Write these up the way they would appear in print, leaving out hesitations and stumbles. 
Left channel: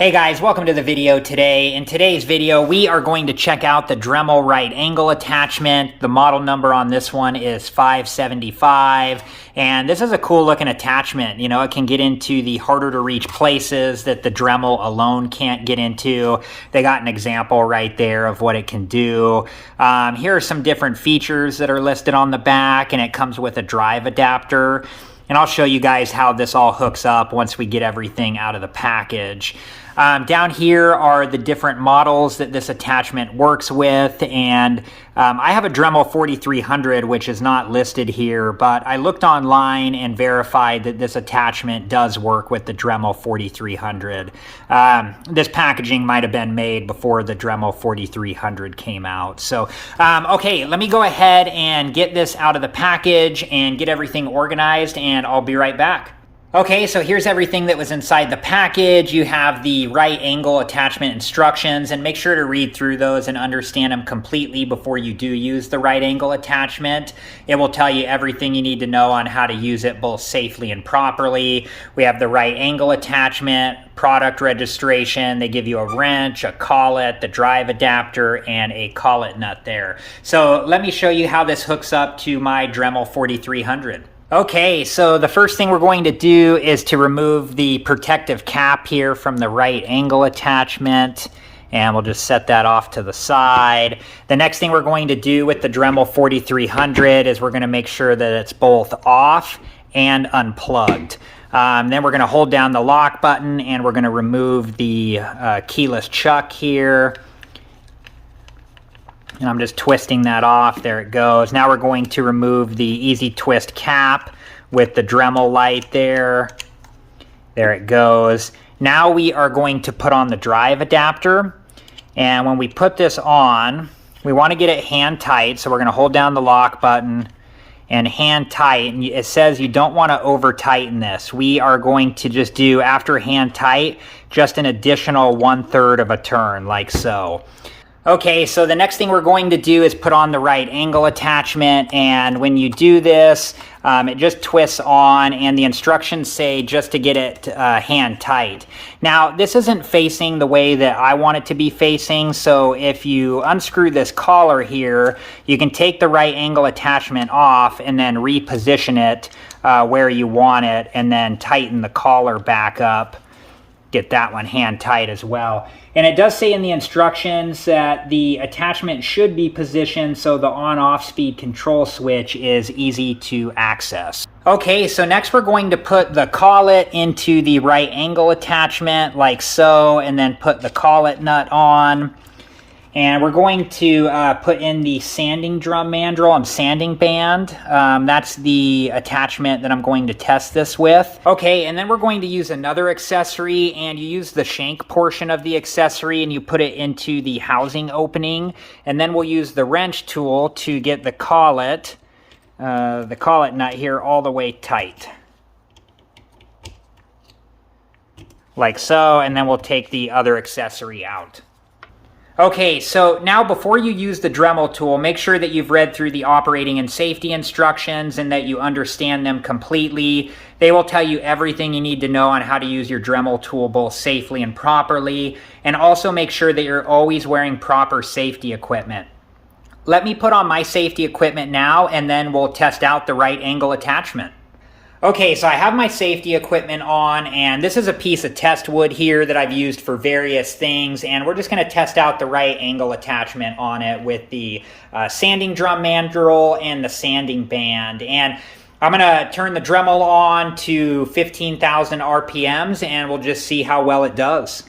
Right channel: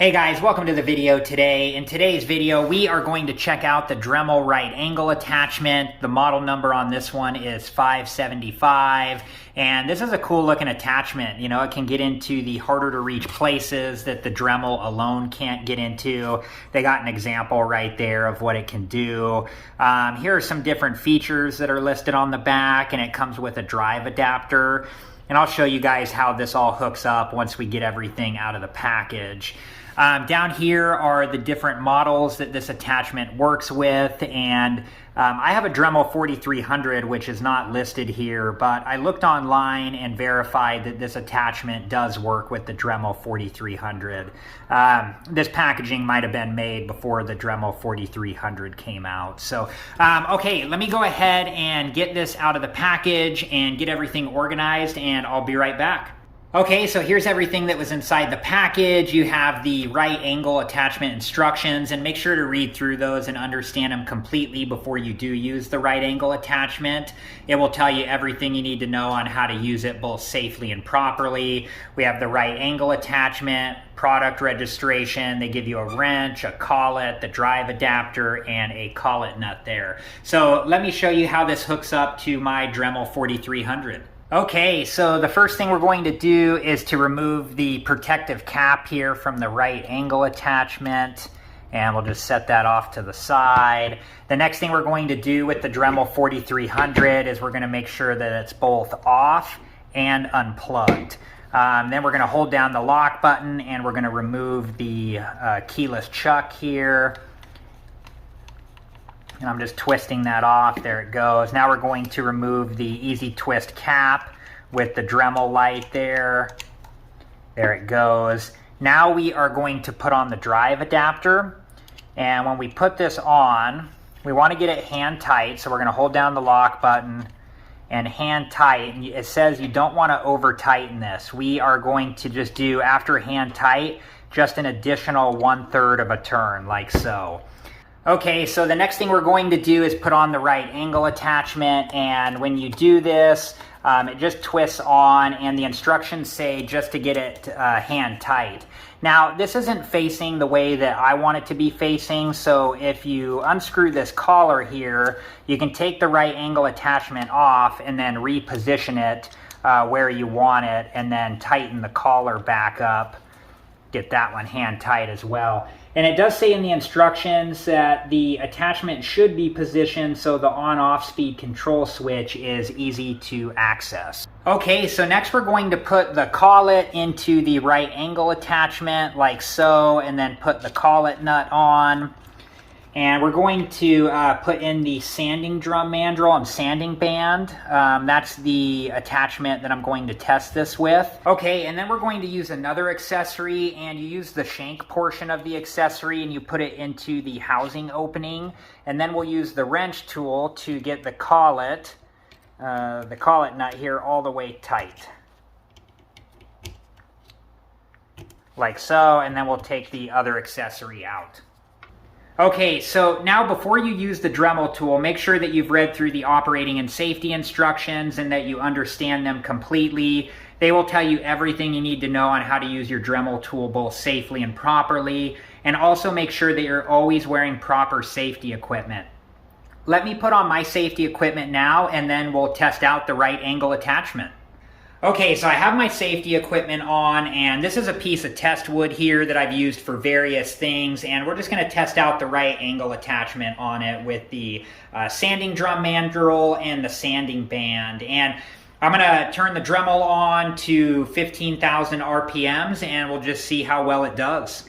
Hey guys, welcome to the video today. In today's video, we are going to check out the Dremel right angle attachment. The model number on this one is 575, and this is a cool looking attachment. You know, it can get into the harder to reach places that the Dremel alone can't get into. They got an example right there of what it can do. Here are some different features that are listed on the back, and it comes with a drive adapter. And I'll show you guys how this all hooks up once we get everything out of the package. Down here are the different models that this attachment works with, and I have a Dremel 4300 which is not listed here, but I looked online and verified that this attachment does work with the Dremel 4300. This packaging might have been made before the Dremel 4300 came out. So, okay, let me go ahead and get this out of the package and get everything organized, and I'll be right back. Okay, so here's everything that was inside the package. You have the right angle attachment instructions, and make sure to read through those and understand them completely before you do use the right angle attachment. It will tell you everything you need to know on how to use it both safely and properly. We have the right angle attachment, product registration. They give you a wrench, a collet, the drive adapter, and a collet nut there. So let me show you how this hooks up to my Dremel 4300. Okay, so the first thing we're going to do is to remove the protective cap here from the right angle attachment, and we'll just set that off to the side. The next thing we're going to do with the Dremel 4300 is we're going to make sure that it's both off and unplugged. Then we're going to hold down the lock button, and we're going to remove the keyless chuck here. And I'm just twisting that off. There it goes. Now we're going to remove the easy twist cap with the Dremel light there. There it goes. Now we are going to put on the drive adapter. And when we put this on, we want to get it hand tight. So we're going to hold down the lock button and hand tight. And it says you don't want to over tighten this. We are going to just do, after hand tight, just an additional 1/3 of a turn, like so. Okay, so the next thing we're going to do is put on the right angle attachment, and when you do this, it just twists on, and the instructions say just to get it hand tight. Now, this isn't facing the way that I want it to be facing, so if you unscrew this collar here, you can take the right angle attachment off and then reposition it where you want it, and then tighten the collar back up. Get that one hand tight as well. And it does say in the instructions that the attachment should be positioned so the on-off speed control switch is easy to access. Okay, so next we're going to put the collet into the right angle attachment like so, and then put the collet nut on. And we're going to put in the sanding drum mandrel and sanding band. That's the attachment that I'm going to test this with. Okay, and then we're going to use another accessory, and you use the shank portion of the accessory and you put it into the housing opening. And then we'll use the wrench tool to get the collet nut here all the way tight. Like so, and then we'll take the other accessory out. Okay, so now before you use the Dremel tool, make sure that you've read through the operating and safety instructions and that you understand them completely. They will tell you everything you need to know on how to use your Dremel tool both safely and properly, and also make sure that you're always wearing proper safety equipment. Let me put on my safety equipment now, and then we'll test out the right angle attachment. Okay, so I have my safety equipment on, and this is a piece of test wood here that I've used for various things, and we're just going to test out the right angle attachment on it with the sanding drum mandrel and the sanding band. And I'm going to turn the Dremel on to 15,000 RPMs, and we'll just see how well it does.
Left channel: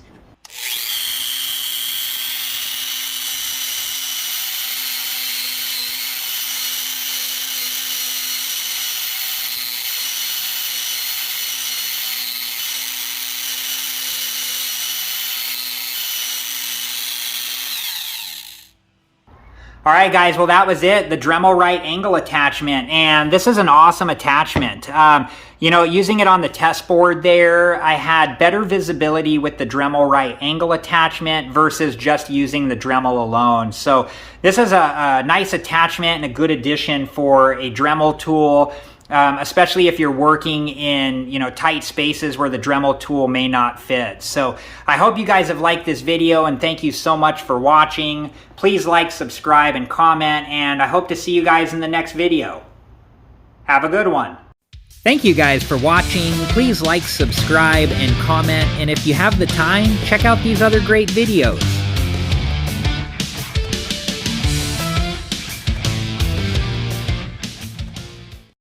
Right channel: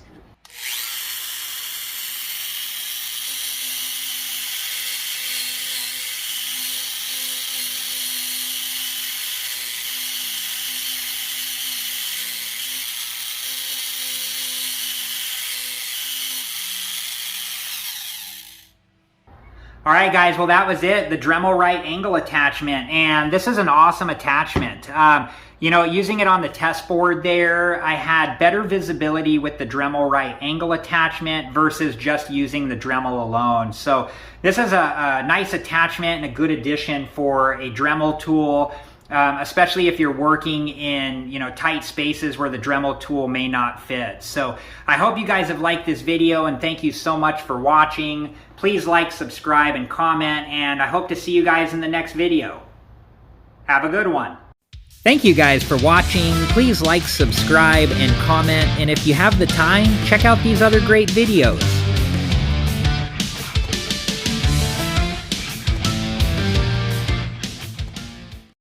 All right, guys, well, that was it, the Dremel right angle attachment, and this is an awesome attachment. You know, using it on the test board there, I had better visibility with the Dremel right angle attachment versus just using the Dremel alone. So this is a nice attachment and a good addition for a Dremel tool. especially if you're working in tight spaces where the Dremel tool may not fit. So I hope you guys have liked this video, and thank you so much for watching. Please like, subscribe, and comment, and I hope to see you guys in the next video. Have a good one. Thank you guys for watching. Please like, subscribe, and comment, and if you have the time, check out these other great videos.